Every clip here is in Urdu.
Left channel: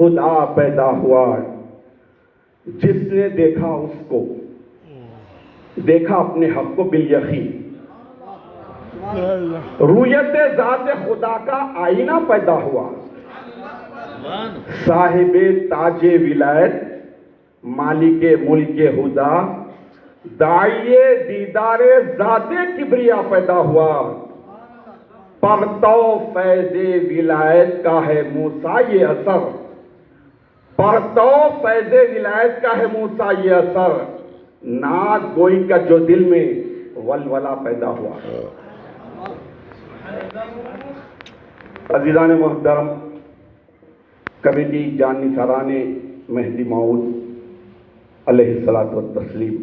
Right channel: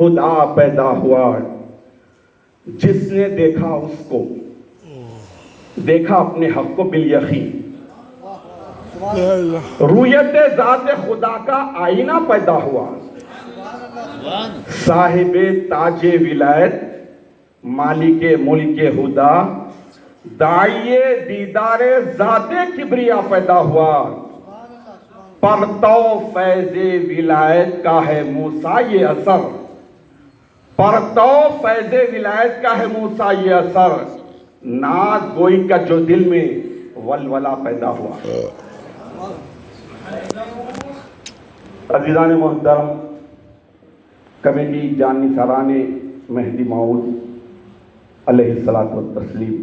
خدا پیدا ہوا، جس نے دیکھا اس کو دیکھا اپنے حق کو بالیقین۔ رویت ذات خدا کا آئینہ پیدا ہوا، صاحب تاج ولایت مالک ملک خدا داعی دیدار ذات کبریا پیدا ہوا۔ پرتو فیض ولایت کا ہے موسیٰ یہ اثر، پرتو فیض ولایت کا ہے موسیٰ یہ اثر، ناز گوئی کا جو دل میں ولولہ پیدا ہوا۔ عزیزان محترم، کمیٹی جان نثاران مہدی موعود علیہ الصلوۃ والتسلیم،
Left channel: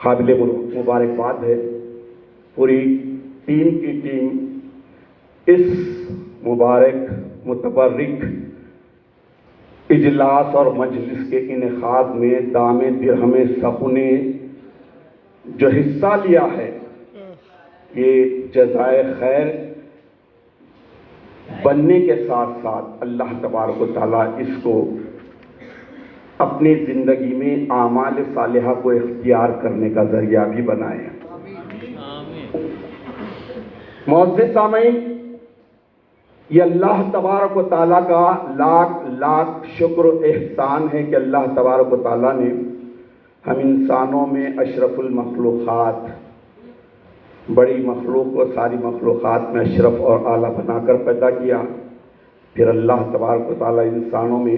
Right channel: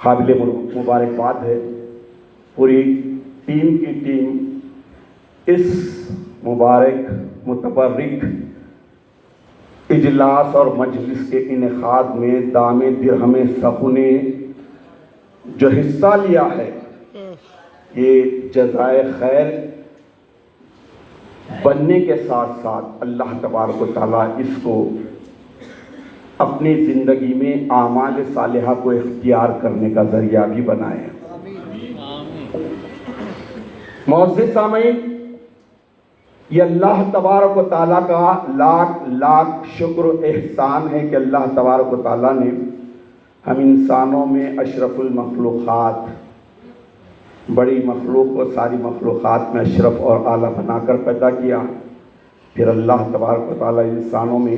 قابل مبارکباد ہے پوری ٹیم کی ٹیم اس مبارک متبرک اجلاس اور مجلس کے انعقاد میں دام درہم سخن نے جو حصہ لیا ہے، یہ جزائے خیر بننے کے ساتھ ساتھ اللہ تبارک و تعالیٰ اس کو اپنی زندگی میں اعمال صالحہ کو اختیار کرنے کا ذریعہ بھی بنائے۔ معزز سامعین، یہ اللہ تبارک و تعالیٰ کا لاکھ لاکھ شکر و احسان ہے کہ اللہ تبارک و تعالیٰ نے ہم انسانوں میں اشرف المخلوقات، بڑی مخلوق کو ساری مخلوقات میں اشرف اور اعلیٰ بنا کر پیدا کیا۔ پھر اللہ تبارک و تعالیٰ انسانوں میں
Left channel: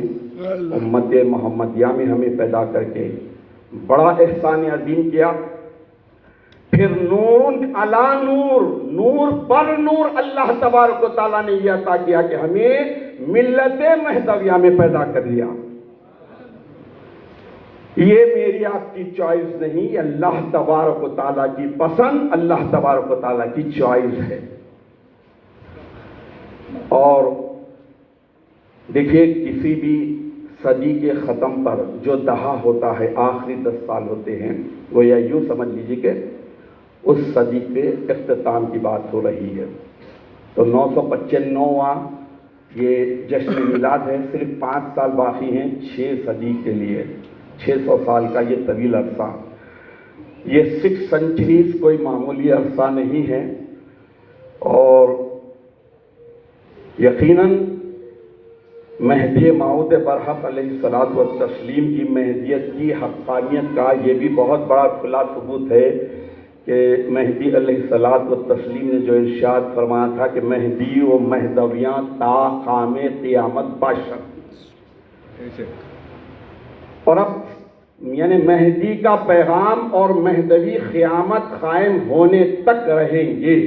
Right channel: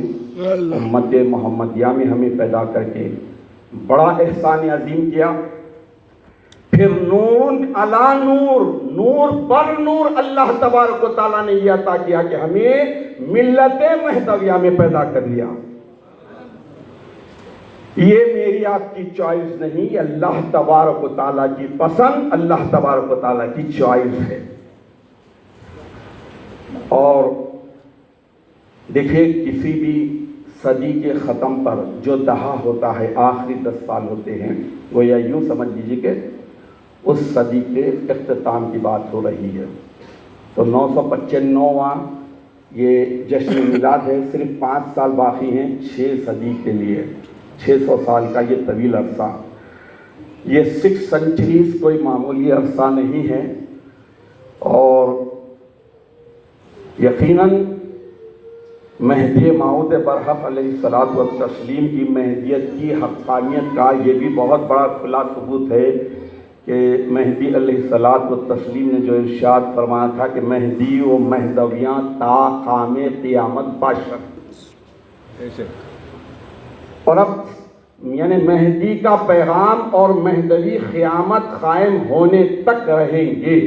امت محمدیہ میں ہمیں پیدا کر کے بڑا احسان عظیم کیا۔ پھر نور علی نور، نور پر نور اللہ تبارک و تعالیٰ نے یہ عطا کیا کہ ہمیں ملت مہدویہ میں پیدا کر لیا۔ یہ میری آپ کی چوائس نہیں، یہ اللہ تبارک و تعالیٰ کی پسند، اللہ تبارک و تعالیٰ کی چوائس ہے۔ اور دیکھیے، کسی بھی صدی کے ختم پر جو دہا ہوتا ہے، آخری 10 سال ہوتے ہیں، وہ یا یوں سمجھ لیجیے کہ اس صدی کے اختتام کی بات ہو رہی ہے۔ تو 995واں یہ جشن میلاد ہے، صرف 5 سال باقی ہیں 6 صدی کے لیے، 600 سال کا یہ طویل عرصہ۔ یہ 6 سینچریز کوئی معمولی عرصہ نہیں ہے، اور یقیناً مہدی موعود برحق علیہ الصلوۃ والتسلیم کی مہدیت کی حقانیت کا یہ بھی بہت بڑا کھلا ثبوت ہے کہ مہدی علیہ الصلوۃ والتسلیم نے جو ارشاد فرمایا تھا کہ مہدی و مہدویاں تا قام قیامت باشد، اور اب یعنی مہدی کا پیغام اور مہدوی قیامت قائم ہونے تک رہیں گے۔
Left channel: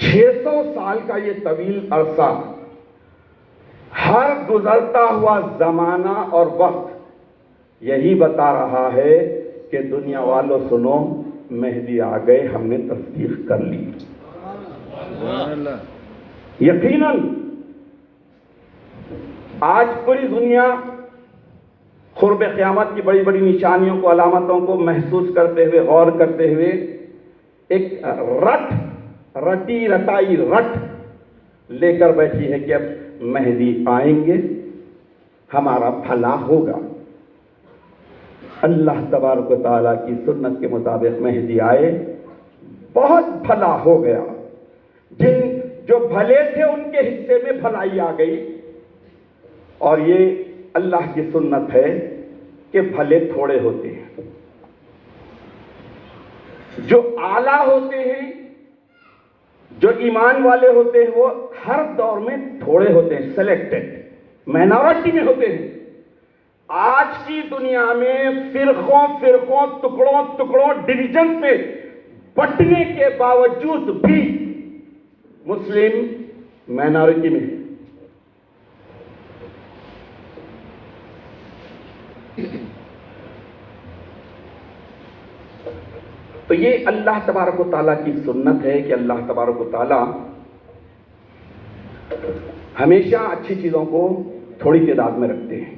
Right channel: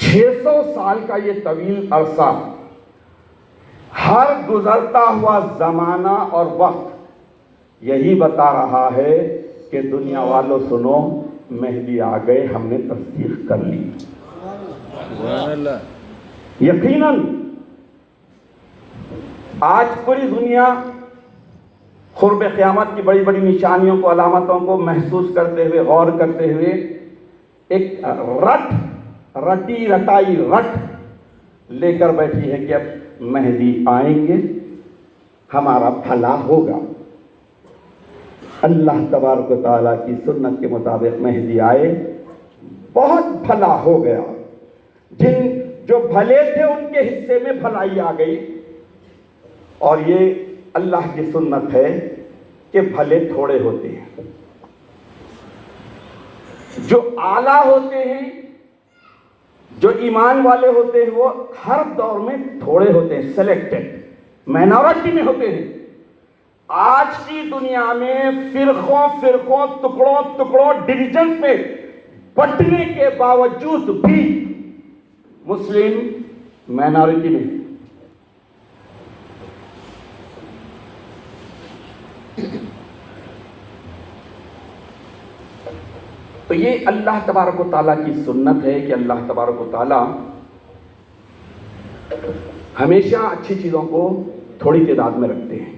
600 سال کا یہ طویل عرصہ، ہر گزرتا ہوا زمانہ اور وقت یہی بتا رہا ہے کہ دنیا والوں سنو، مہدی آ گئے، ہم نے تصدیق کر لی۔ یقیناً آج پوری دنیا قرب قیامت کی بڑی بڑی نشانیوں کو، علامتوں کو محسوس کرتے ہوئے، غور کرتے ہوئے ایک رٹی رٹائی رٹ لے کر بیٹھی ہے کہ اب مہدی آئیں گے، ہمارا بھلا ہوگا۔ اللہ تبارک و تعالیٰ کی سنت کے مطابق مہدی آئے، بہت بھلا ہو گیا۔ جو بھلے تھے ان کے حصے میں بھلائی آ گئی، اور یہ اللہ کی سنت ہے کہ بھلے تھوڑے ہوتے ہیں، جو اعلیٰ ہوتے ہیں، جو ایمان والے ہوتے ہیں، وہ ہر دور میں تھوڑے ہوتے ہیں، سلیکٹڈ مائنورٹی میں ہوتے ہیں۔ آج کی دنیا میں فرقوں ٹکڑوں ڈویژن میں بٹنے کے باوجود بھی مسلم مائنورٹی میں ہے۔ تو یہ اللہ تبارک و تعالیٰ کی سنت ہے کہ اللہ تبارک و تعالیٰ ہمیشہ اچھی چیزوں کو تھوڑی تعداد میں رکھتے ہیں۔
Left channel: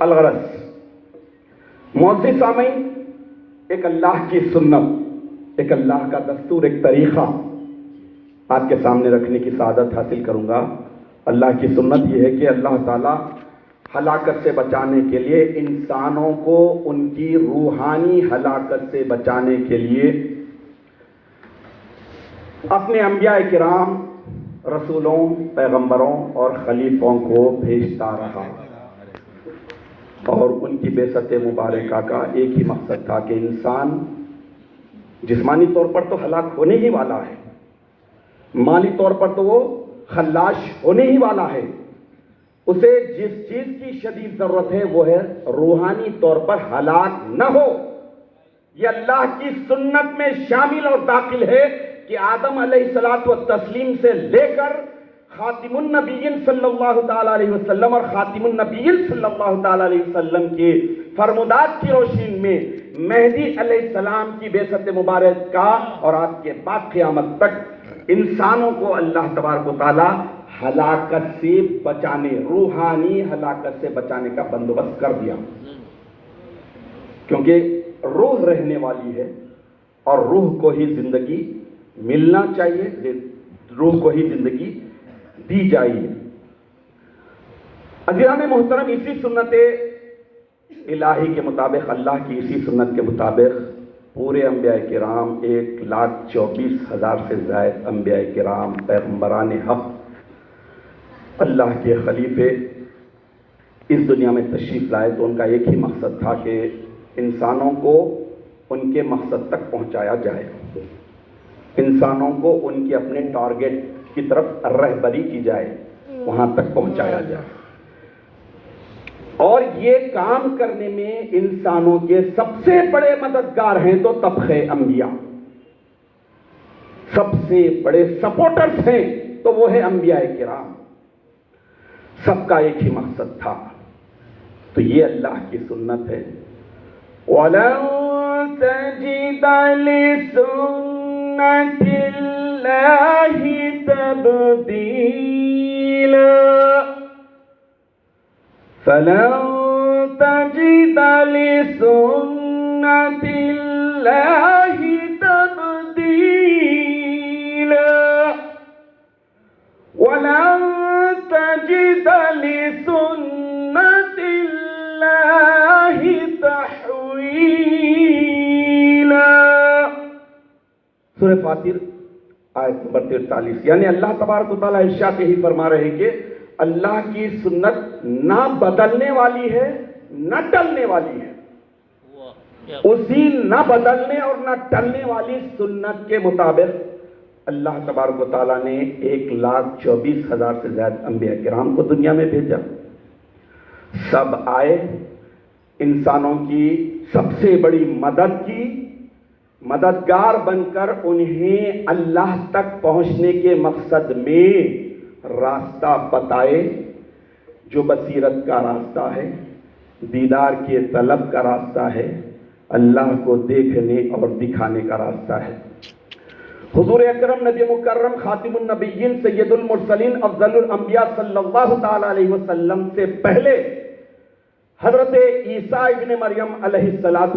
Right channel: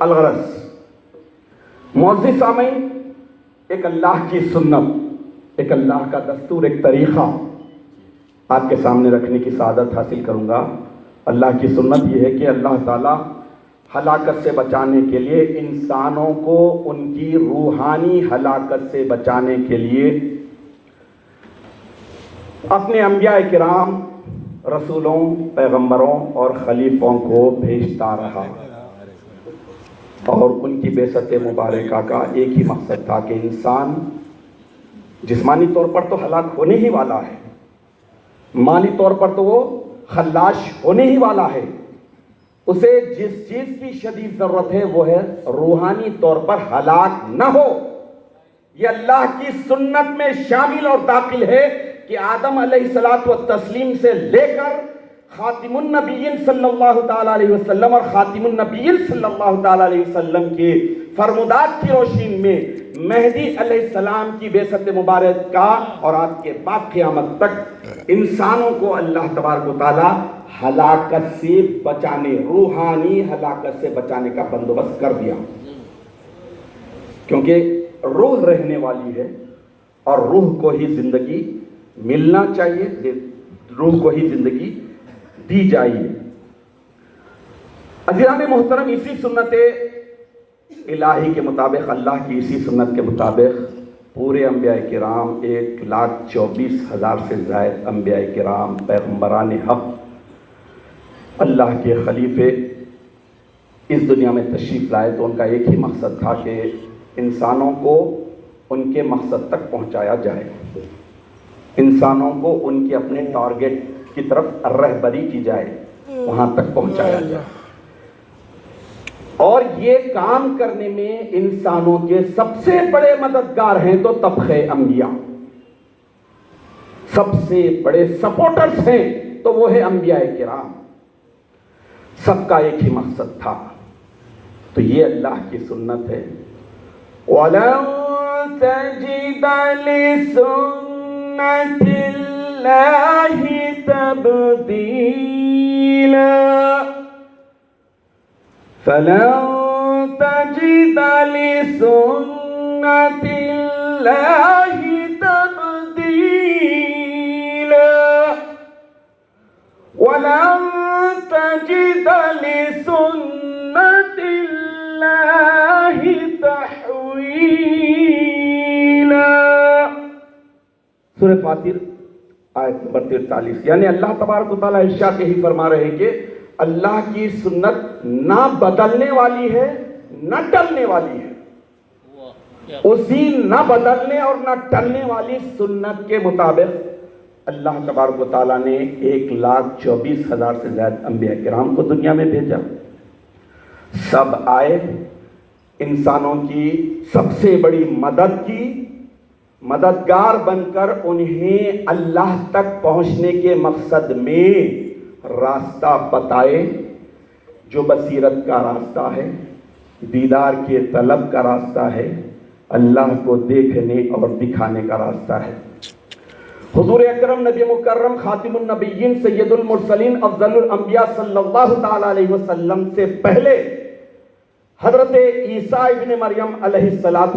الغرض معزز سامعین، ایک اللہ کی سنت، ایک اللہ کا دستور، ایک طریقہ آپ کے سامنے رکھنے کی سعادت حاصل کروں گا۔ اللہ کی سنت یہ ہے کہ اللہ تعالیٰ ہلاکت سے بچانے کے لیے انسانوں کو ان کی روحانی ہلاکت سے بچانے کے لیے اپنے انبیاء کرام، رسولوں، پیغمبروں اور خلیفوں کو بھیجتا رہا، اور ان کی بعثت مبارکہ کا ایک ہی مقصد تھا کہ انسان جسمانی طور پر تو ہلاک ہونے ہی والا ہے، مالی طور پر تو وہ خلاش ہونے ہی والا ہے، اسے جس چیز کی شدید ضرورت ہے وہ ہے روحانی طور پر ہلاک نہ ہو۔ یہ اللہ کی سنت میں شامل اور داخل ہے کہ آدم علیہ السلام سے لے کر خاتم النبیین صلی اللہ تعالیٰ علیہ وسلم اور خاتم النبیین صلی اللہ تعالیٰ علیہ وسلم کے فرمودات کی روشنی میں مہدی علیہ السلام کی بعثت مبارک کا اور آپ کے بعد قیامت تک انسانوں کو اللہ تبارک و تعالیٰ ہلاکت سے بچانے، روحانی ہلاکت سے بچانے کا بندوبست کر دیا، کیونکہ روح رہنے والی ہے اور روح کو ہی زندگی ملنا چاہیے، روح کو ہی زندگی دی جائیے۔ عزیزان محترم، اسی سنت الہی کے مطابق، اللہ کی اسی سنت کے مطابق پورے انبیاء کرام 1,24,000 سے زائد انبیاء کرام، پیغمبران حق، اللہ کے خلیفے اس دنیا میں تشریف لائے تو ان کا ایک ہی مقصد تھا کہ انسانوں کو ان کے مقصد تک پہنچایا جائے، انسانوں کو ان کے اپنے ٹارگٹ کی طرف رہبری کی جائے، وہاں تک پہنچایا جائے۔ اور یہ کام کرنے میں انسانوں کے سب سے بڑے مددگار ہیں تو طبقہ انبیاء، سب سے بڑے سپورٹرز ہیں تو وہ ہے انبیاء کرام، سب کا ایک ہی مقصد تھا۔ تو یہ اللہ کی سنت ہے۔ وَلَن تَجِدَ لِسُنَّةِ اللَّهِ تَبْدِيلًا فَلَن تَجِدَ لِسُنَّةِ اللَّهِ تَبْدِيلًا وَلَن تَجِدَ لِسُنَّةِ اللَّهِ تَحْوِيلًا۔ سورہ فاطر آیت نمبر 43، یعنی اللہ تبارک و تعالیٰ ارشاد یہی فرما رہے ہیں کہ اللہ کی سنت نہ بدلنے والی ہے نہ ٹلنے والی ہے، اسی نہ بدلنے اور نہ ٹلنے والی سنت کے مطابق اللہ تبارک و تعالیٰ نے 1,24,000 سے زیادہ انبیاء کرام کو دنیا میں بھیجا، سب آئے، انسانوں کی سب سے بڑی مدد کی، مددگار بن کر انہیں اللہ تک پہنچنے کے مقصد میں راستہ بتائے، جو بصیرت کا راستہ ہے، دیدار کے طلب کا راستہ ہے، اللہ کو دیکھنے اور دکھانے کا راستہ ہے۔ حضور اکرم نبی مکرم خاتم النبیین سید المرسلین افضل الانبیاء صلی اللہ تعالیٰ علیہ وسلم سے پہلے حضرت عیسیٰ ابن مریم علیہ السلام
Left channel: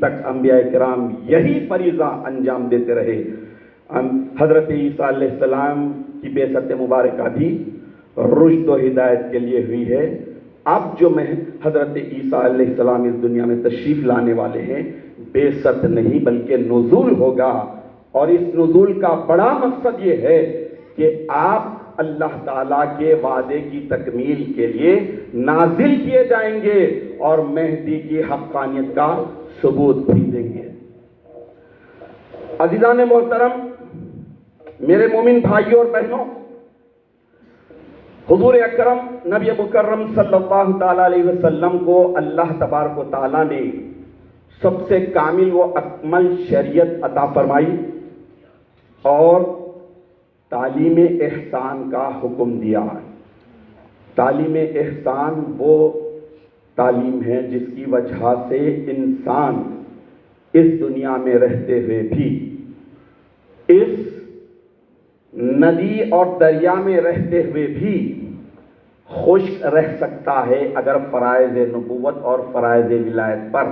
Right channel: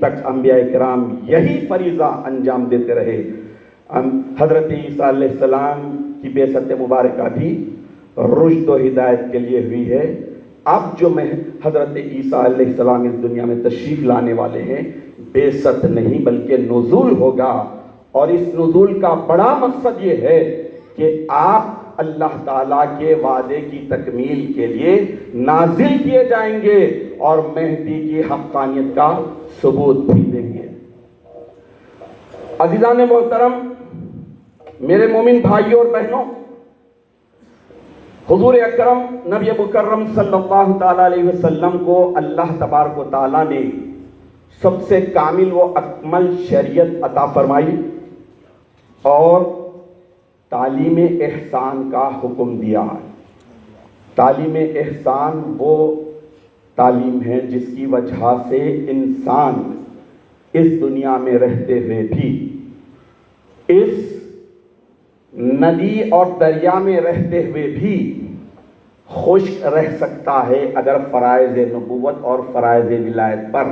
تک انبیاء کرام یہی فریضہ انجام دیتے رہے۔ حضرت عیسیٰ علیہ السلام کی بعثت مبارکہ بھی رشد و ہدایت کے لیے ہوئی ہے۔ اب جو حضرت عیسیٰ علیہ السلام اس دنیا میں تشریف لانے والے ہیں، بعثت نہیں بلکہ نزول ہوگا، اور اس نزول کا بڑا مقصد یہ ہے کہ آپ اللہ تعالیٰ کے وعدے کی تکمیل کے لیے نازل کیے جائیں گے اور مہدی کی حقانیت کا ثبوت بھی دیں گے۔ عزیزان محترم، میرے مومن بھائیوں اور بہنوں، حضور اکرم نبی مکرم صلی اللہ تعالیٰ علیہ وسلم کو اللہ تبارک و تعالیٰ نے سب سے کامل و اکمل شریعت عطا فرمائی اور تعلیم احسان کا حکم دیا۔ تعلیم احسان وہ تعلیم ہے جس کی وجہ سے انسان اس دنیا میں رہتے ہوئے بھی، اس ندی اور دریا میں رہتے ہوئے بھی خشک رہ سکتا ہے اگر فرائض نبوت اور فرائض ولایت پر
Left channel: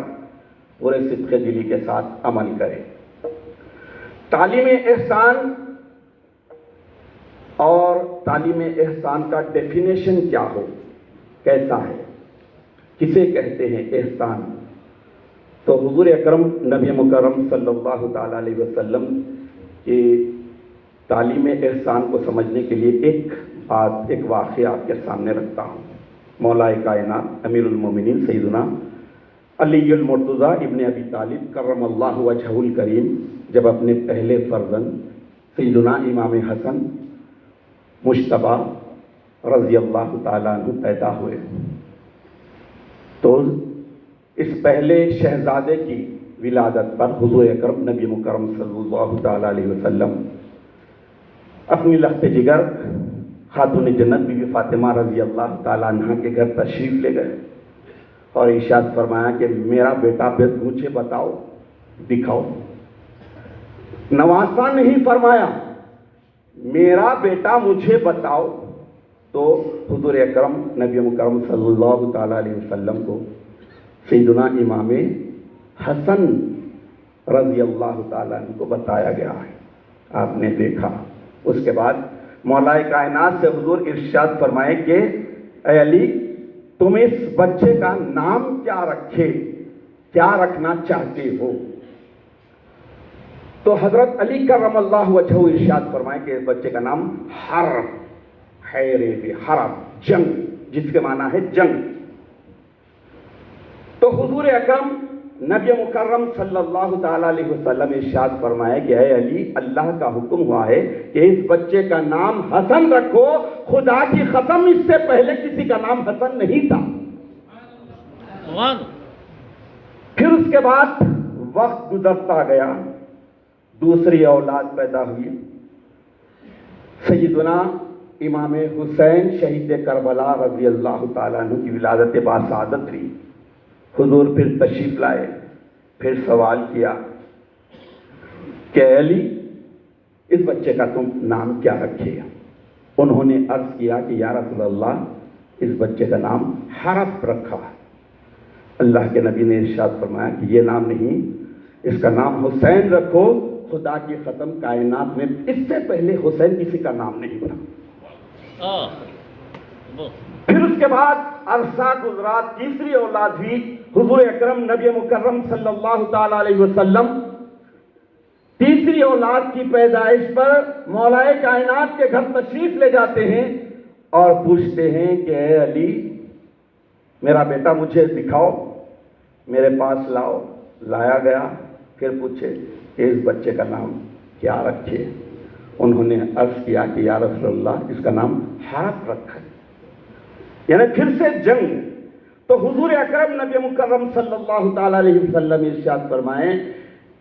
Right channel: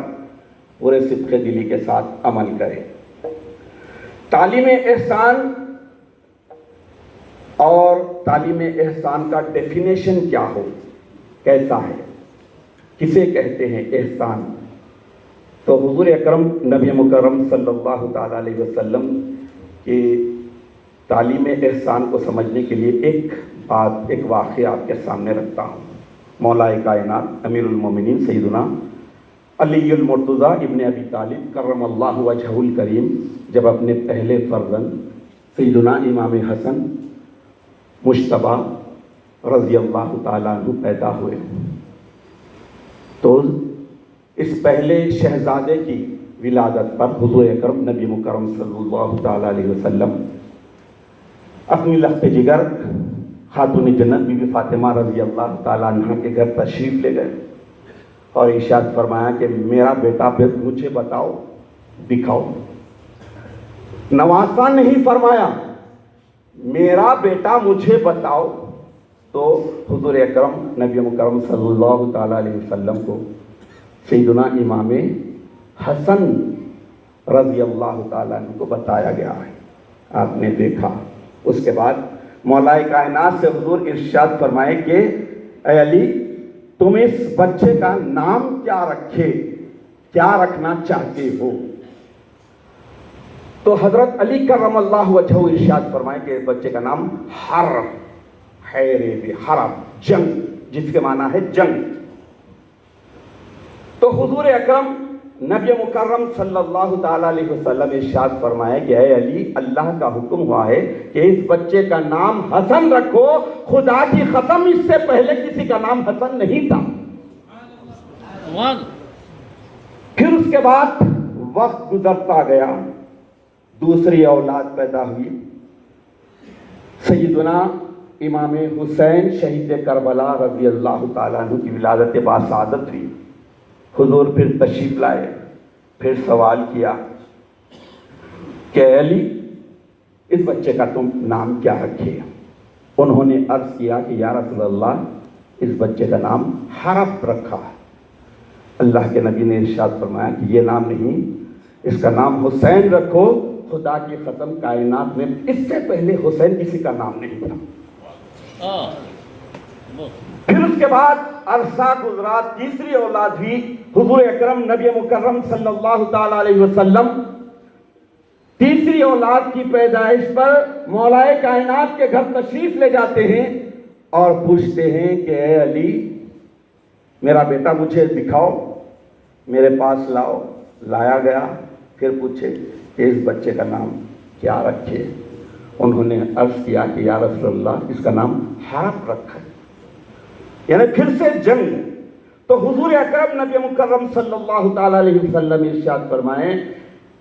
پورے صدق دلی کے ساتھ عمل کرے۔ تعلیم احسان اور تعلیم احسان کا ڈیفینیشن کیا ہو، کیسا ہے، کسے کہتے ہیں احسان، تو حضور اکرم نبی مکرم صلی اللہ تعالیٰ علیہ وسلم کی تعلیم احسان کو سمجھنے کے لیے ایک واقعہ آپ کے سامنے رکھتا ہوں۔ مولا کائنات امیر المومنین سیدنا علی المرتضیٰ ابن ابی طالب کرم اللہ وجہہ الکریم جب اپنے پہلے فرزند سیدنا امام حسن مجتبی رضی اللہ تعالیٰ عنہ پیدا ہوئے، تو اس پہلے شہزادے کی ولادت پر حضور اکرم نبی مکرم صلی اللہ تعالیٰ علیہ وسلم اپنی لخت جگر خاتون جنت بی بی فاطمہ رضی اللہ تعالیٰ عنہ کے گھر تشریف لے گئے اور ارشاد فرمایا کہ میرا بیٹا مجھے بتاؤ، دکھاؤ۔ نواسا نہیں فرمایا، میرا بیٹا مجھے بتاؤ۔ تو حضور اکرم نبی مکرم صلی اللہ تعالیٰ علیہ وسلم کو سیدنا امام حسن رضی اللہ تعالیٰ عنہ کو بتایا گیا ہے، آپ نے دیکھا۔ اس کے بعد مولا کائنات سے حضور ارشاد فرمائے کہ اے علی، تم اس بچے کا نام کیا رکھے، کیا رکھنا چاہتے ہو؟ تو حضرت علی کرم اللہ وجہہ ارشاد فرمائے کہ بچے کا نام حرب، حرب جنگ، جس کے معنی ہے جنگ۔ تو حضور اکرم نبی مکرم صلی اللہ تعالیٰ علیہ وسلم ارشاد فرمائے کہ اے علی، اللہ کا حکم ہوا ہے کہ اس بچے کا نام حسن رکھو، خدا کی قسم اس سے پہلے کسی کا نام حسن نہیں تھا۔ پھر اس کے بعد وقت گزرتا گیا، دوسری اولاد پیدا ہوئی، سیدنا امام حسین شہید کربلا رضی اللہ تعالیٰ عنہ کی ولادت باسعادت ہوئی۔ حضور پھر تشریف لائے، پھر سوال کیا کہ اے علی، اس بچے کا تم نام کیا رکھے؟ انہوں نے عرض کیا کہ یا رسول اللہ، اس بچے کا نام حرب رکھا۔ اللہ کے نبی نے ارشاد فرمایا کہ یہ نام نہیں، اس کا نام حسین رکھو، خدا کی قسم کائنات میں اس سے پہلے حسین کسی کا نام نہیں تھا۔ پھر اس کے بعد عرصہ گزرا، تیسری اولاد ہوئی، حضور اکرم نبی مکرم صلی اللہ تعالیٰ علیہ وسلم تیسری اولاد کی پیدائش پر مولا کائنات کے گھر تشریف لے جاتے ہیں اور پوچھتے ہیں کہ اے علی، میرا بیٹا مجھے دکھاؤ، میرے پاس لاؤ۔ لایا گیا، پھر پوچھے کہ اس بچے کا نام کیا رکھے؟ انہوں نے عرض کیا کہ یا رسول اللہ، اس کا نام حرب رکھا، یعنی پھر سے جنگ۔ تو حضور اکرم نبی مکرم صلی اللہ تعالیٰ علیہ وسلم ارشاد فرمائیں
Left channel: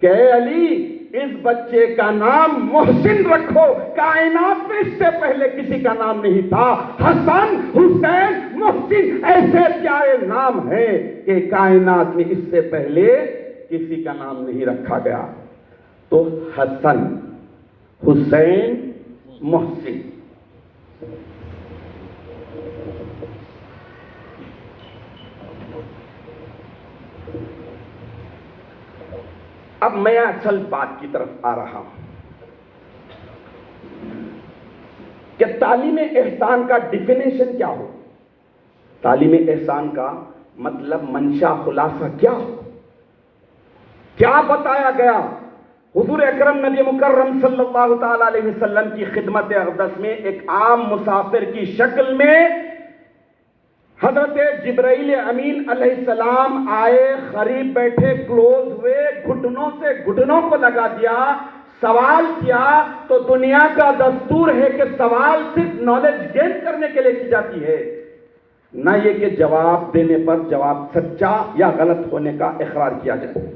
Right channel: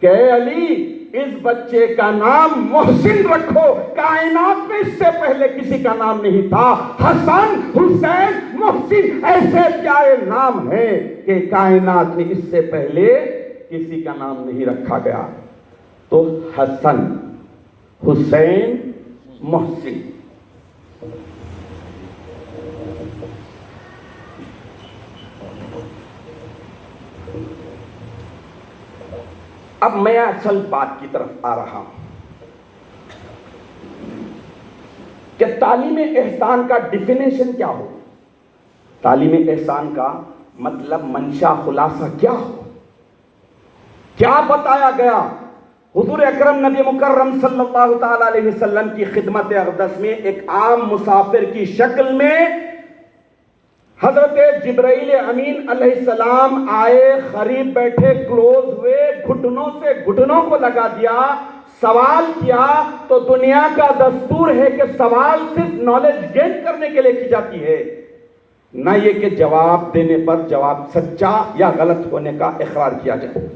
کہ اے علی، اس بچے کا نام محسن رکھو، کائنات میں اس سے پہلے کسی کا نام نہیں تھا۔ حسن، حسین، محسن ایسے پیارے نام ہیں کہ کائنات میں اس سے پہلے کسی کا نام نہیں رکھا گیا۔ تو حسن، حسین، محسن۔ اب میں اصل بات کی طرف آ رہا ہوں کہ تعلیم احسان کا ڈیفینیشن کیا ہو، تعلیم احسان کا مطلب منشا خلاصہ کیا ہو، کیا بتایا گیا؟ حضور اکرم نبی مکرم صلی اللہ تعالیٰ علیہ وسلم کی خدمت اقدس میں ایک عام مسافر کی شکل میں حضرت جبرائیل امین علیہ السلام آئے، قریب بیٹھے، کلوز ہوئے، گھٹنوں سے گھٹنوں کو لگا دیا، سوال کیا۔ تو دنیا کا دستور ہے کہ سوال صرف نالج گین کرنے کے لیے کی جاتی ہے، نہ یہ کہ جواب دینے پر جواب سچا یا غلط ہونے کا اقرار کیا جائے۔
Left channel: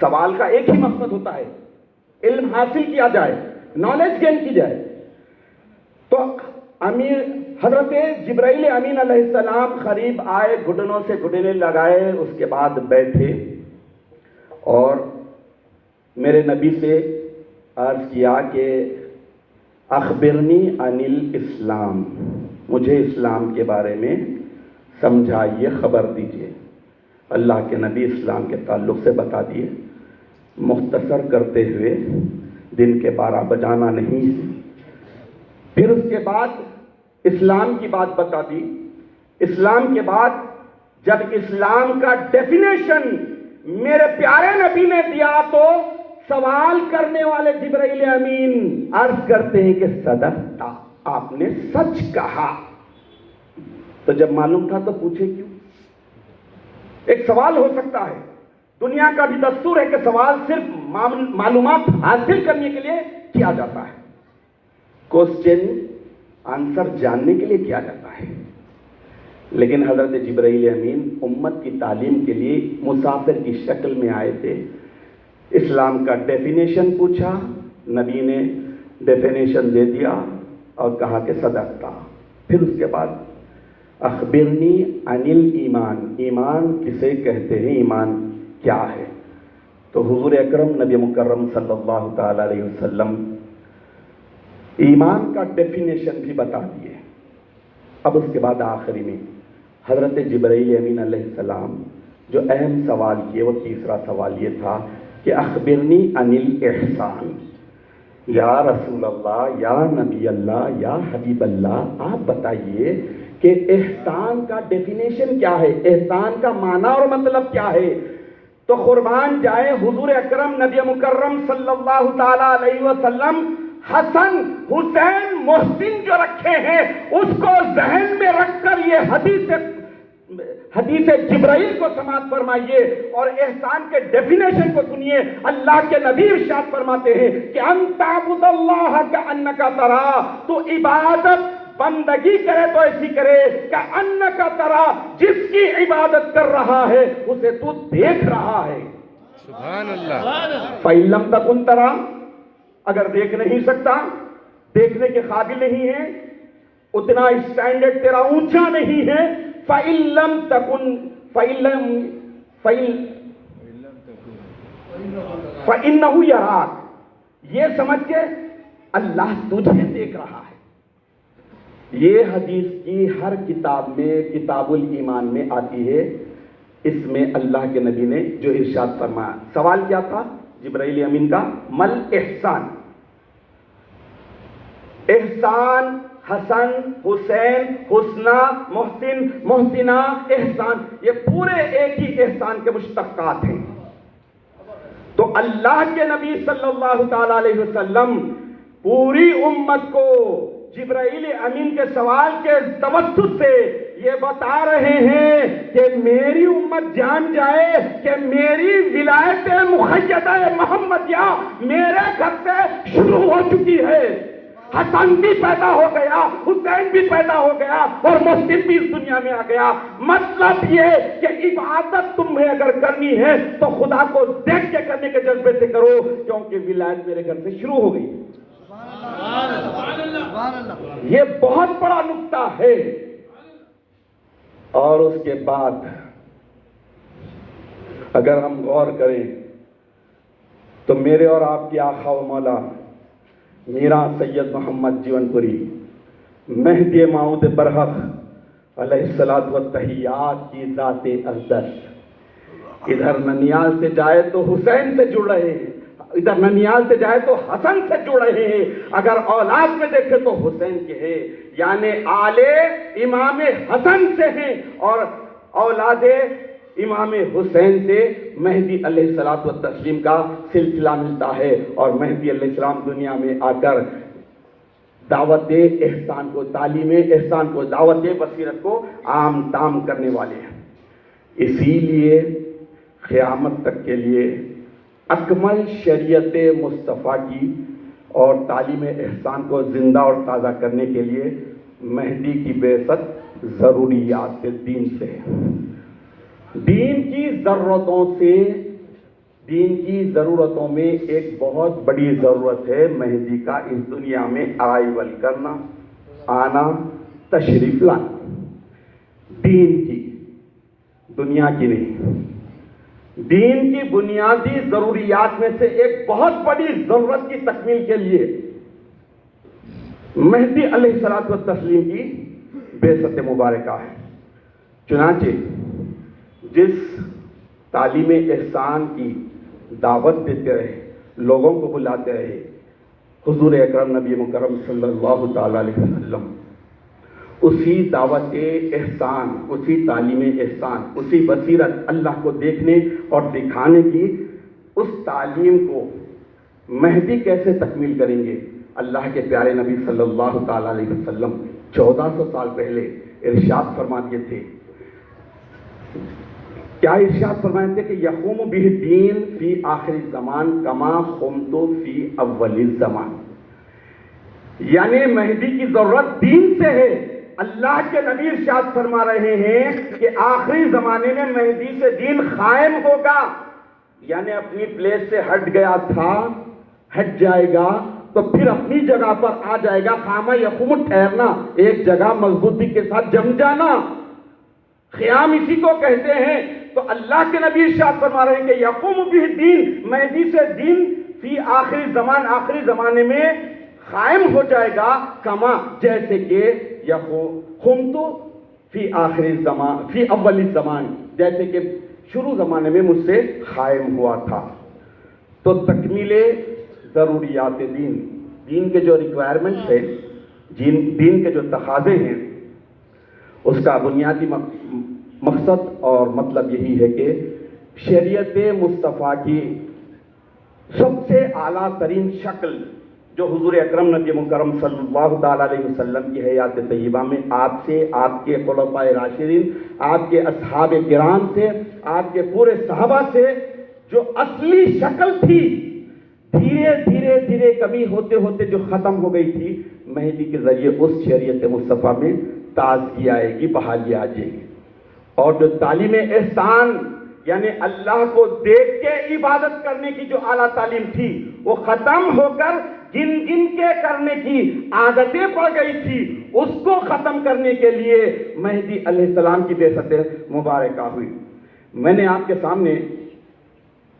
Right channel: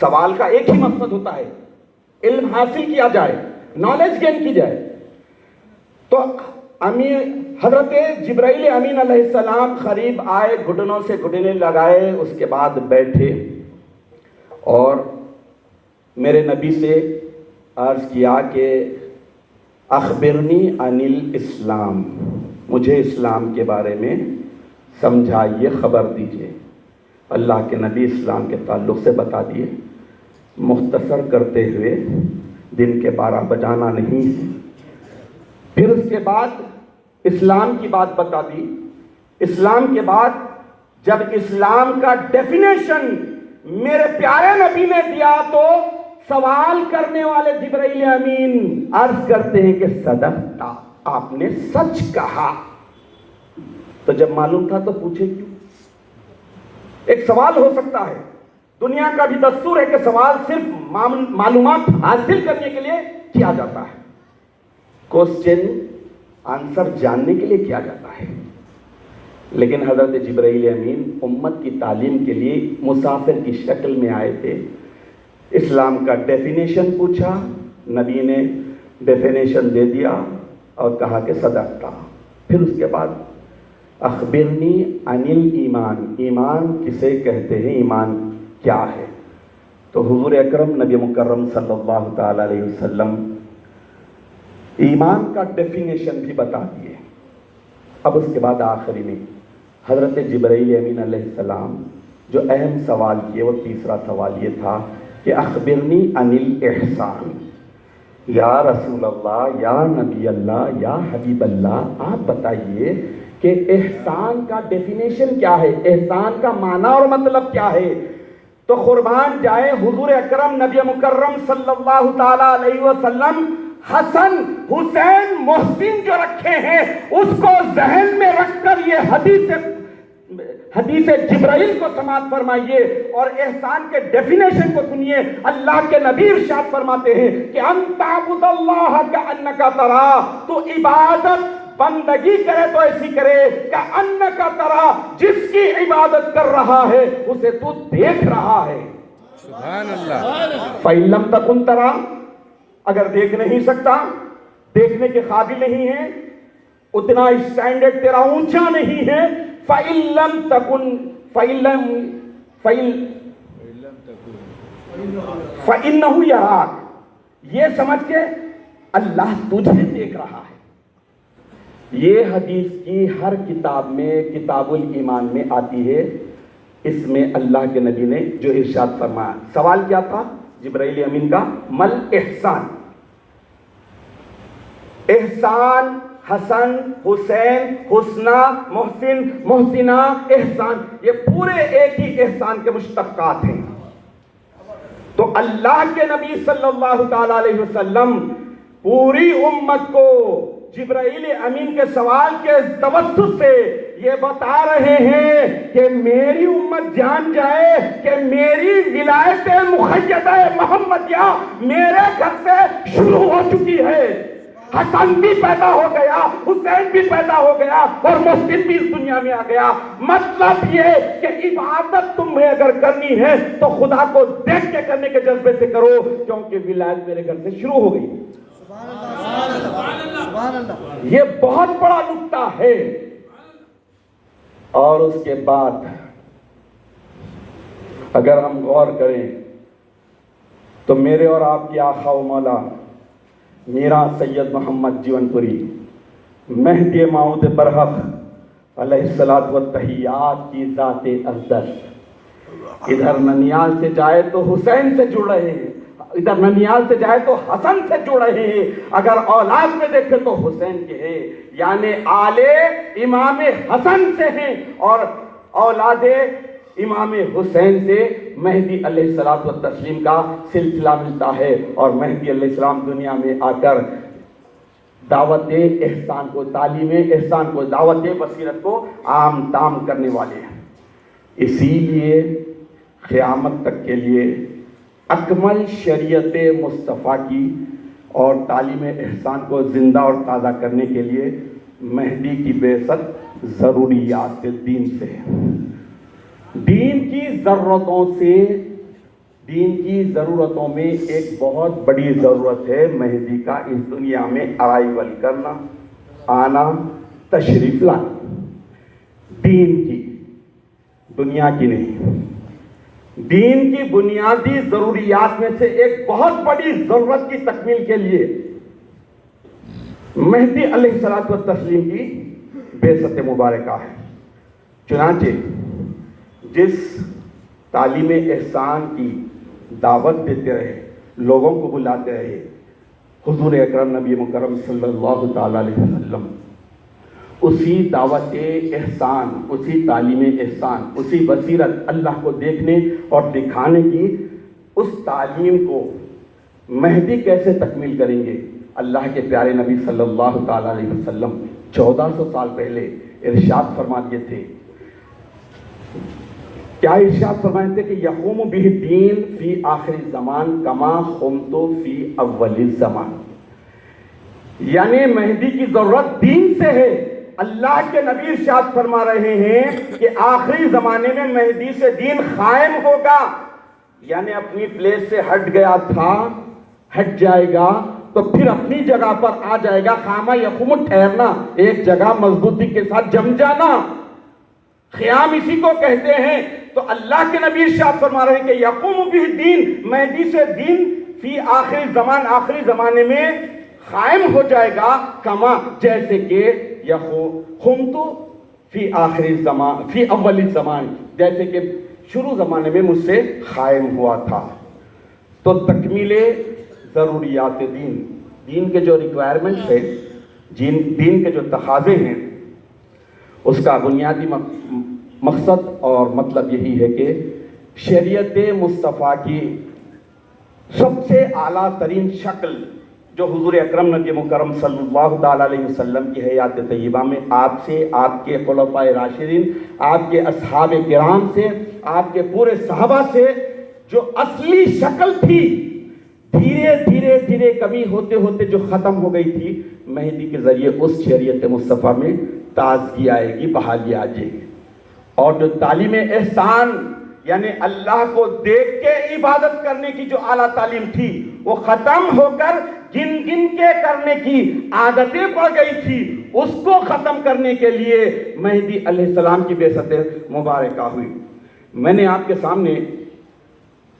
سوال کا ایک ہی مقصد ہوتا ہے، علم حاصل کیا جائے، نالج گین کی جائے۔ تو حضرت جبرائیل امین علیہ السلام قریب آئے، گھٹنوں سے گھٹنے لگائے، اس کے بعد بیٹھے اور میرے نبی سے عرض کیا کہ اخبرنی عن الاسلام، مجھے اسلام کے بارے میں سمجھائیے، خبر دیجیے۔ اللہ کے نبی اسلام کے تعلق سے بتا دیے۔ مختصر کرتے ہوئے، دن کے 12 بجانا نہیں ہے، پھر اس کے بعد اسلام کی بات بتا دی. اسلام کے بعد جب اسلام کا ڈیفینیشن میرے پیارے نبی نے دیا تو سوال کرنے والے جبرائیل امین عرض کرتے ہیں کہ صدقتا، آپ نے سچ کہا. تو جب معلوم تھا تو پوچھے کیوں؟ ایک سوال ہو سکتا ہے. دنیا کا بھی دستور ہے کہ سوال صرف معلومات حاصل کرنے کے لیے کیا جاتا ہے، کوسچن آنسر جاننے کے لیے کیا جاتا ہے. لیکن حضرت جبرائیل امین امت کی تعلیم کے لیے مسافر کی شکل میں آئے تھے. اسلام کا ڈیفینیشن پوچھا، نبی نے ڈیفینیشن دے دیا اور کہا کہ صدقتا. پھر اس کے بعد اخبرنی عن الایمان، ایمان کسے کہتے ہیں، ایمان کیا ہے؟ تو حضور اکرم نبی مکرم صلی اللہ تعالی علیہ وسلم ایمان کا ڈیفینیشن بھی بتا دیے. اب اس کے بعد آخری میں حضرت جبرائیل امین علیہ السلام جو اہم سوال کیے، وہ تیسرا سوال یہ تھا کہ اخبرنی عن الاحسان. یا رسول اللہ، یا نبی اللہ، یا حبیب اللہ، آپ بتائیے کہ احسان کا ڈیفینیشن کیا ہے، احسان کا معنی اور مطلب کیا ہے؟ تو قربان جائے حضور اکرم نبی مکرم صلی اللہ تعالی علیہ وسلم حسن حسین محسن جو رکھے ہیں اس کو ذہن میں رکھ کر یہ حدیث جبرائیل کو سماعت فرمائیے اور احسان کے ڈیفینیشن کو سنیے. اللہ کے نبی ارشاد فرماتے ہیں کہ ان تعبد اللہ کأنک ترا، تو عبادت بندگی کرے تو ایسی کرے کأنک ترا، جس کی عبادت کر رہا ہے اسے تو دیکھ رہا ہے. سبحان اللہ. فَإِن لَمْ تَكُنْ تَرَا، اگر دیکھ نہیں سکتا، دیکھنے کے قابل نہیں ہے، اتنا اسٹینڈرڈ تیرا اونچا نہیں ہے، فَإِن لَمْ تَكُنْ فَإِنَّهُ يَرَاكَ، یہ سمجھ کے اللہ تجھے دیکھ رہا ہے. یہ حدیث کی ہر کتاب میں، کتاب الایمان میں آتی ہے. اس میں اللہ کے نبی نے جو ارشاد فرمایا، سوال کیا تھا جبرائیل امین کا؟ مل احسان. احسان حسن حسین حسنہ محسن محسنہ احسان، یہ پورے ایک ہی احسان کے مشتقات ہیں. تو اللہ کے نبی صلی اللہ تعالی علیہ وسلم پوری امت کو جبرائیل امین کے سوال کے توسط سے یہ بتا رہے ہیں کہ میری امت جان جائے کہ میری ولایت مقیدہ محمدیہ میرے گھر سے شروع ہو چکی ہے. حسن بھی پیدا ہو گیا، حسین بھی پیدا ہو گیا اور محسن بھی اس دنیا میں آ گیا. مطلب یہ کہ عبادت تمہیں اگر کرنی ہے تو خدا کو دیکھ کے کرنے کے جذبے سے کرو، کیونکہ ولایت میرے گھر سے شروع ہو گئی. یہ بہت بڑا نقطہ ہے. اور اس کے بعد اگر ہم غور کریں تو میرے اور آپ کی آقا و مولا میرا سید محمد جیون پوری مہدی موعود برحق علیہ الصلوۃ والتحیات کی ذات اقدس ادھر ننیال سے جائے تو حسین سے جڑ رہے ہیں، ادھر ننیال سے جائے تو حسن سے جڑ رہے ہیں، اگر اولاد میں دیکھے تو حسین کے ہیں، یعنی آلے امام حسن سے ہیں اور اولاد امام حسین سے مہدی علیہ الصلوۃ والتسلیم کا سلسلہ ملتا ہے. اور مہدی علیہ السلام دنیا میں آ کر دعوت احسان کو، تعلیم احسان کو، دعوت بصیرت کو عام تام کرنے والے ہیں. اسی لیے قیامت تک کے لیے اکمل شریعت مصطفیٰ کی اور تعلیم احسان کو زندہ اور تازہ کرنے کے لیے مہدی کی بعثت ضروریات دین سے ہے. دین کی ضرورتوں میں ایک بہت بڑی ضرورت ہے مہدی کا اس دنیا میں ارائیول کرنا، آنا، تشریف لانا. دین کی، دنیا کی نہیں. دین کی بنیادی ضروریات میں سے ایک بہت بڑی ضرورت کی تکمیل کے لیے مہدی علیہ الصلوۃ والتسلیم کی بعثت مبارکہ ہے. چنانچہ جس تعلیم احسان کی دعوت دیتے رہے، لوگوں کو بلاتے رہے، حضور اکرم نبی مکرم صلی اللہ تعالی علیہ وسلم اسی دعوت احسان، اسی تعلیم احسان، اسی بصیرت اللہ کو دیکھنے اور دکھانے کی اس تعلیم کو مہدی کیسے تکمیل کریں گے؟ اللہ کے پیارے نبی صلی اللہ تعالی علیہ وسلم 1400 سال پہلے ارشاد فرما دیے تھے. کیا ارشاد فرمائے تھے کہ یقوم بہ الدین فی آخر الزمان کما قمت فی اول الزمان. یعنی مہدی کی ضرورت دین سے ہے. اللہ کے نبی ارشاد فرما رہے ہیں کہ آخری زمانے میں مہدی سے دین قائم ہوگا. یعنی اپنی پلیس سے ہٹ گیا تھا، ہٹ جائے گا تو پھر اپنی جگہ پر آ جائے گا. خامہ یقوم ٹھہرنا، ایک جگہ مضبوطی کے ساتھ جم جانا، قیام اسی کو کہتے ہیں. تو اللہ کے نبی ارشاد فرما رہے ہیں کہ یقوم بہ الدین، مہدی سے دین فی آخری زمان، آخری زمانے میں قائم ہو جائے گا. کما جیسے کہ قمت فی آخری زمان فی اول الزمان، جیسے کہ شروع زمانے میں مجھ سے قائم ہوا تھا. تو تکمیل ضروریات دین، دین کے جو ریکوائرمنٹس ہے، دین کے جو تقاضے ہیں، اس کا بنیادی مقصد اور مطلب یہی ہے کہ شریعت مصطفیٰ کی سب سے اعلیٰ ترین شکل جو حضور اکرم نبی مکرم صلی اللہ تعالی علیہ وسلم کی حیات طیبہ میں آپ سے، آپ کے خلفائے راشدین، آپ کے اصحاب کرام سے، آپ کے پورے صحابہ سے جو اصلی شکل تھی، دھیرے دھیرے دھیرے کمی ہوتے ہوتے جو ختم ہو گئی تھی، مہدی کے ذریعے اس شریعت مصطفیٰ میں تازگی آئے گی، بحالی آ جائے گی. اور جو تعلیم احسان یعنی اللہ کو دیکھ کے عبادت کرنے کی جو اعلیٰ تعلیم تھی، وہ ختم ہو کر گن گن کے کرنے کی عادتیں پڑ گئی تھی. اس کو ختم کرنے کے لیے مہدی علیہ السلام کی بعثت مبارکہ ہوئی. میں نے آپ کے سامنے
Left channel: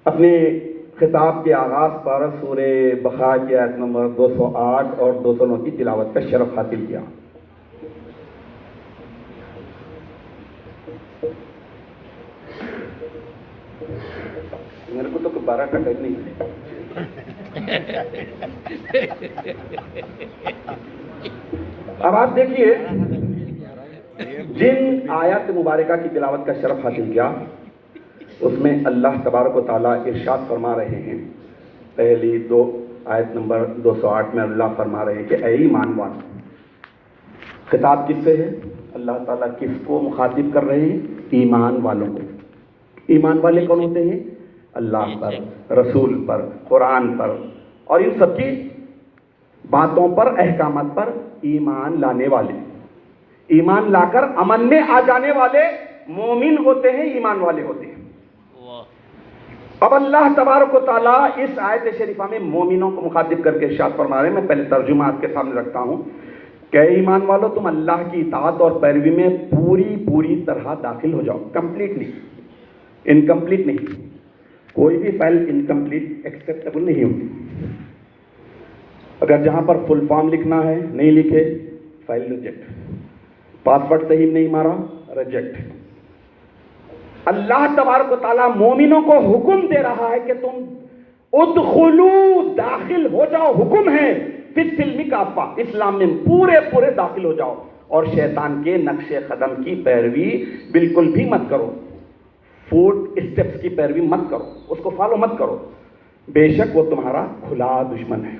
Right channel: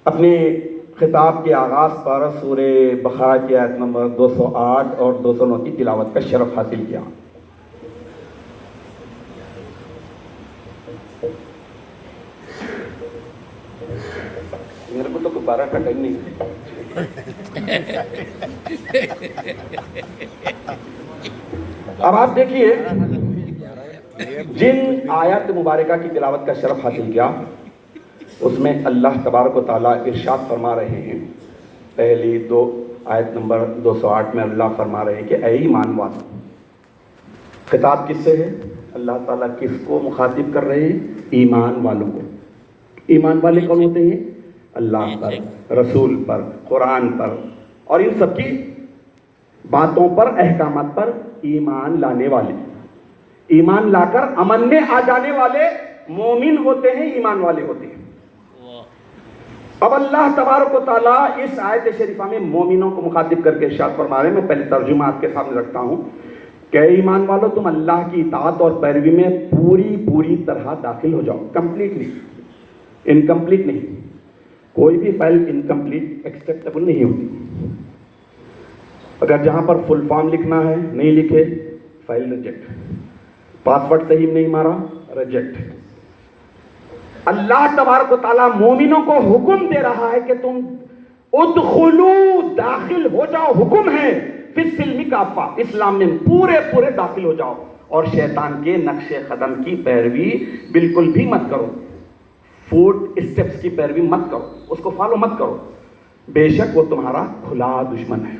اپنے خطاب کے آغاز پر سورہ بقرہ کی آیت نمبر 208 اور 209 کی تلاوت کا شرف حاصل کیا. میرے کو تو دوبارہ کٹن نہیں. اب آپ دیکھیے جن آیات مبارکہ کی تلاوت کا شرف حاصل کیا، اس میں اللہ تبارک و تعالیٰ ارشاد فرما رہے ہیں. پہلی دو آیت نمبر 208 میں اللہ فرما رہے ہیں کہ اے ایمان والو. خطاب کس سے ہے؟ اللہ تعالیٰ کس کو مخاطب کر رہے ہیں؟ ایمان والوں کو. ایمان والے کون ہوتے ہیں؟ اللہ پر، رسول پر، قرآن پر اور ان سب کی باتوں پر، احکامات پر ایمان لانے والے. ایمان لا کر عمل میں آ جانے والے مومن ہوتے ہیں، ایمان والے ہوتے ہیں. اب اللہ تبارک و تعالیٰ اس آیت شریفہ میں مومنوں کو مخاطب کر کے ارشاد فرما رہے ہیں. میں پہلے ترجمہ آپ کے سامنے رکھتا ہوں کہ ایمان والو تم اللہ کی اطاعت اور پیروی میں پوری طرح داخل ہو جاؤ. کمپلیٹلی، انکمپلیٹ نہیں. کوئی بھی فائل انکمپلیٹ ایکسیپٹیبل نہیں ہوگی. اگر جہاں پر فل فارم لکھنا ہے نہیں لکھے، فائل ریجیکٹ. پاسورڈ صحیح نہیں مارا، ریجیکٹ. اللہ تبارک و تعالیٰ مومنوں کو حکم دے رہا ہے کہ تم ادخلوا، داخل ہو جاؤ. حکم ہے فی السلم کافہ، اسلام میں پورے داخل ہو جاؤ. اور شیطان کے نقش قدم کی پیروی بالکل بھی مت کرو. فوٹ اسٹیپس کی پیروی مت کرو، اس کو فالو مت کرو. بے شک وہ تمہارا کھلا دشمن ہے.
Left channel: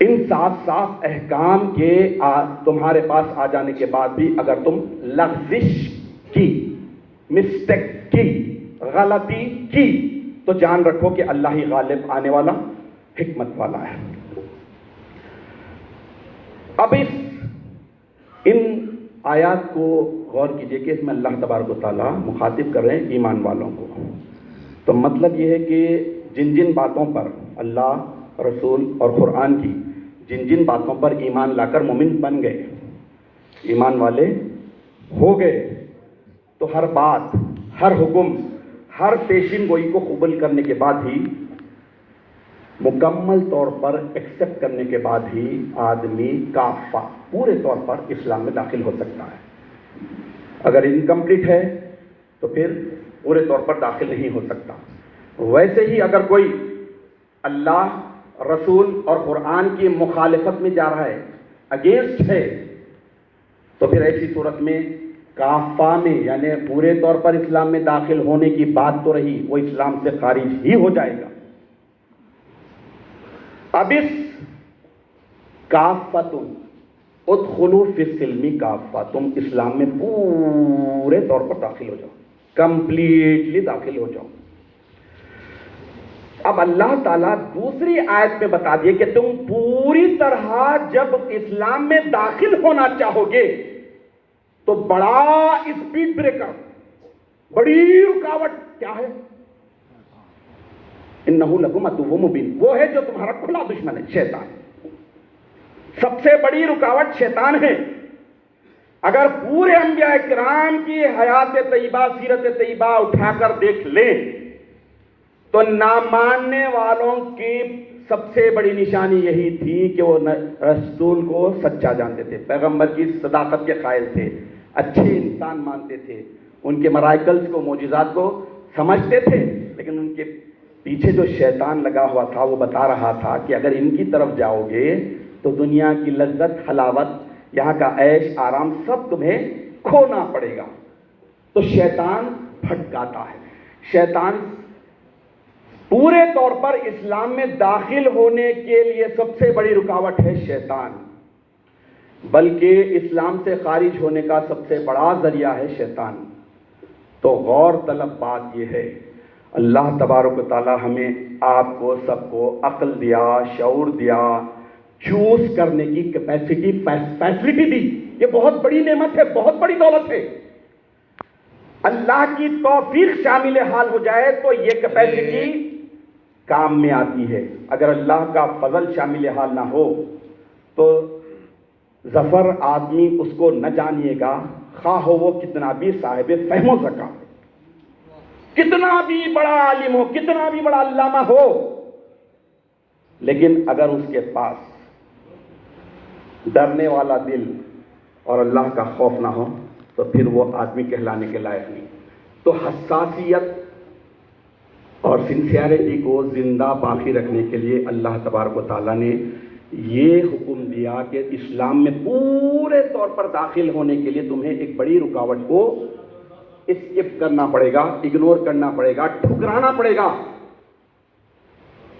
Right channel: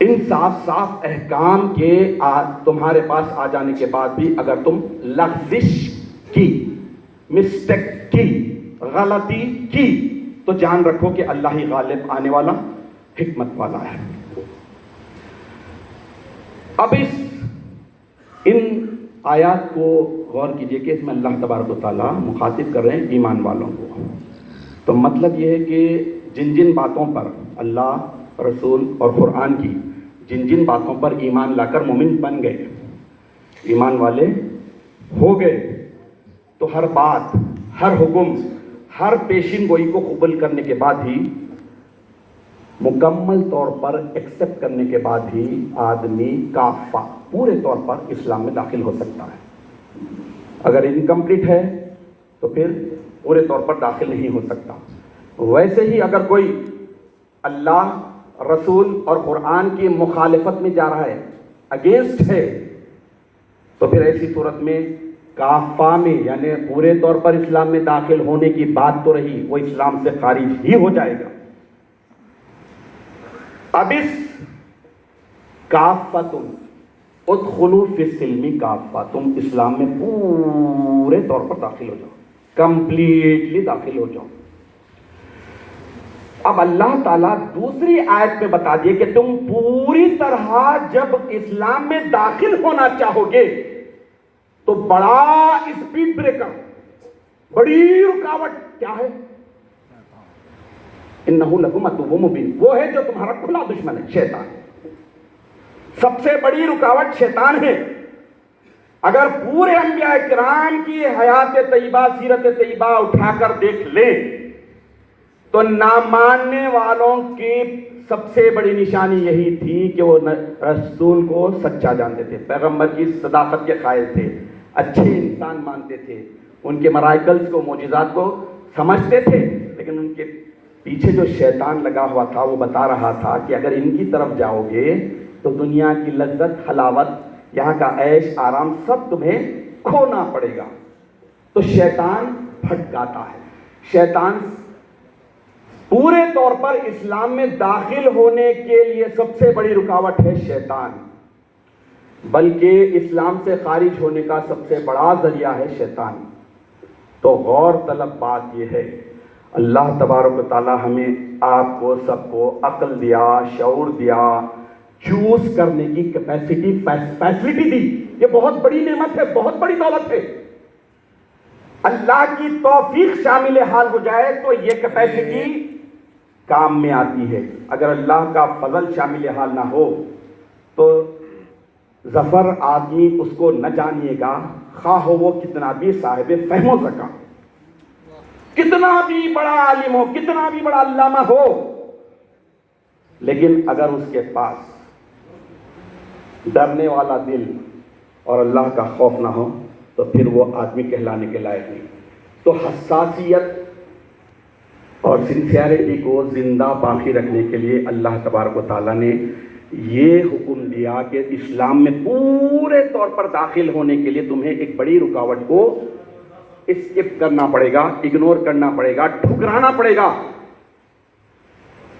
ان صاف احکام کے تمہارے پاس آ جانے کے بعد بھی اگر تم لغزش کی، مسٹیک کی، غلطی کی، تو جان رکھو کہ اللہ ہی غالب آنے والا، حکمت والا ہے. اب ان آیات کو غور کیجئے کہ اس میں اللہ تبارک و تعالیٰ مخاطب کر رہے ہیں ایمان والوں کو. تو مطلب یہ ہے کہ جن باتوں پر اللہ، رسول اور قرآن کی جن باتوں پر ایمان لا کر مومن بن گئے، ایمان والے ہو گئے، تو ہر بات، ہر حکم، ہر پیشین گوئی کو قبول کرنے کے بعد ہی، مکمل طور پر ایکسپٹ کرنے کے بعد ہی آدمی کافہ، پورے طور پر اسلام میں داخل ہو سکتا ہے. اگر انکمپلیٹ ہے تو پھر پورے طور پر داخل نہیں ہو سکتا. ویسے ہی اگر کوئی اللہ، رسول اور قرآن کی مخالفت میں جا رہا ہے، اگینسٹ ہے، تو پھر ایسی صورت میں کافہ میں یعنی پورے طور پر اسلام میں داخل ہونے کی بات تو رہی، وہ اسلام سے خارج ہی ہو جائے گا۔ اب اس کافۃ ادخلوا فی السلم کافہ، تم اسلام میں پورے طور پر داخل ہو جاؤ، کمپلیٹلی داخل ہو جاؤ۔ اب اللہ تعالیٰ دوسری آیت میں بتا دیے کہ تم پوری طرح جب اسلام میں داخل ہونا چاہو گے تو بڑا اسپیڈ بریکر، بڑی رکاوٹ کیا ہے؟ انہ لکم عدو مبین، وہ ہے جو تمہارا کھلا دشمن ہے، شیطان۔ سب سے بڑی رکاوٹ شیطان ہے۔ اگر پورے انبیاء کرام کی حیات طیبہ، سیرت طیبہ اٹھا کر دیکھ لیں تو نہ ماننے والوں کی سب سے بڑی نشانی یہی تھی کہ وہ رسول کو سچا جانتے تھے، پیغمبر کی صداقت کے قائل تھے، اچھے انسان مانتے تھے، ان کے مراکلز کو، معجزات کو سمجھتے تھے، لیکن ان کے پیچھے جو شیطان لگا ہوا تھا وہ بتا رہا تھا کہ اگر ان کی طرف جاؤ گے تو دنیا کی لذت، حلاوت، یہاں کا عیش آرام سب تمہیں کھونا پڑے گا۔ تو شیطان بھٹکاتا ہے۔ شیطان پورے طور پر اسلام میں داخل ہونے کے لیے سب سے بڑی رکاوٹ ہے شیطان، بلکہ اسلام سے خارج ہونے کا سب سے بڑا ذریعہ ہے شیطان۔ تو غور طلب بات یہ ہے، اللہ تبارک و تعالی ہمیں آپ کو سب کو عقل دیا، شعور دیا، چوز کرنے کی کیپیسٹی، فیسلٹی دی۔ یہ بہت بڑی نعمت ہے، بہت بڑی دولت ہے۔ اللہ کی توفیق شامل حال ہو جائے تو یہ کیپیسٹی کام میں آتی ہے۔ اگر اللہ کا فضل شامل حال نہ ہو تو ظفر آدمی اس کو نہ جانیے گا، خواہ ہو وہ کتنا بھی صاحب فہم و ذکا، کتنا بھی بڑا عالم ہو، کتنا بھی بڑا علامہ ہو، لیکن اگر اس کے پاس ڈرنے والا دل اور اللہ کا خوف نہ ہو تو پھر وہ آدمی کہلانے کے لائق نہیں۔ تو حساسیت اور سنسیئرٹی کو زندہ باقی رکھنے کے لیے اللہ تبارک و تعالیٰ نے یہ حکم دیا کہ اسلام میں پورے طور پر داخل ہونے کے لیے تمہیں ایک بڑی رکاوٹ کو اسکپ کرنا پڑے گا، اگنور کرنا پڑے گا، ٹھکرانا پڑے گا۔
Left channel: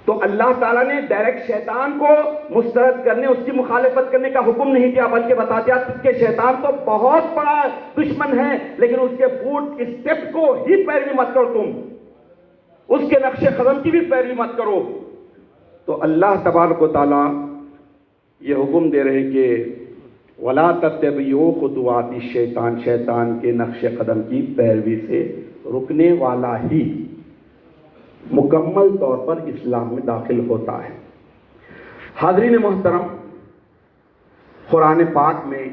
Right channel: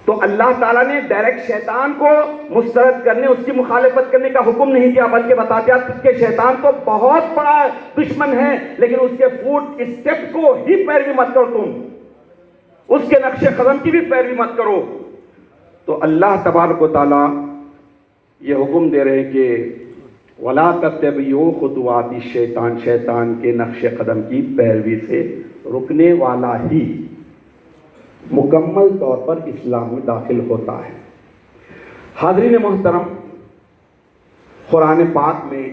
تو اللہ تعالیٰ نے ڈائریکٹ شیطان کو مسترد کرنے، اس کی مخالفت کرنے کا حکم نہیں دیا، بلکہ بتا دیا کہ شیطان تو بہت بڑا دشمن ہے، لیکن اس کے فوٹ اسٹیپ کو ہی پیروی مت کرو، تم اس کے نقش قدم کی بھی پیروی مت کرو۔ تو اللہ تبارک و تعالیٰ یہ حکم دے رہے کہ وَلَا تَتَّبِعُوا خُطُوَاتِ الشَّيْطَانِ، شیطان کے نقش قدم کی پیروی سے رکنے والا ہی مکمل طور پر اسلام میں داخل ہوتا ہے۔ حاضرین محترم، قرآن پاک میں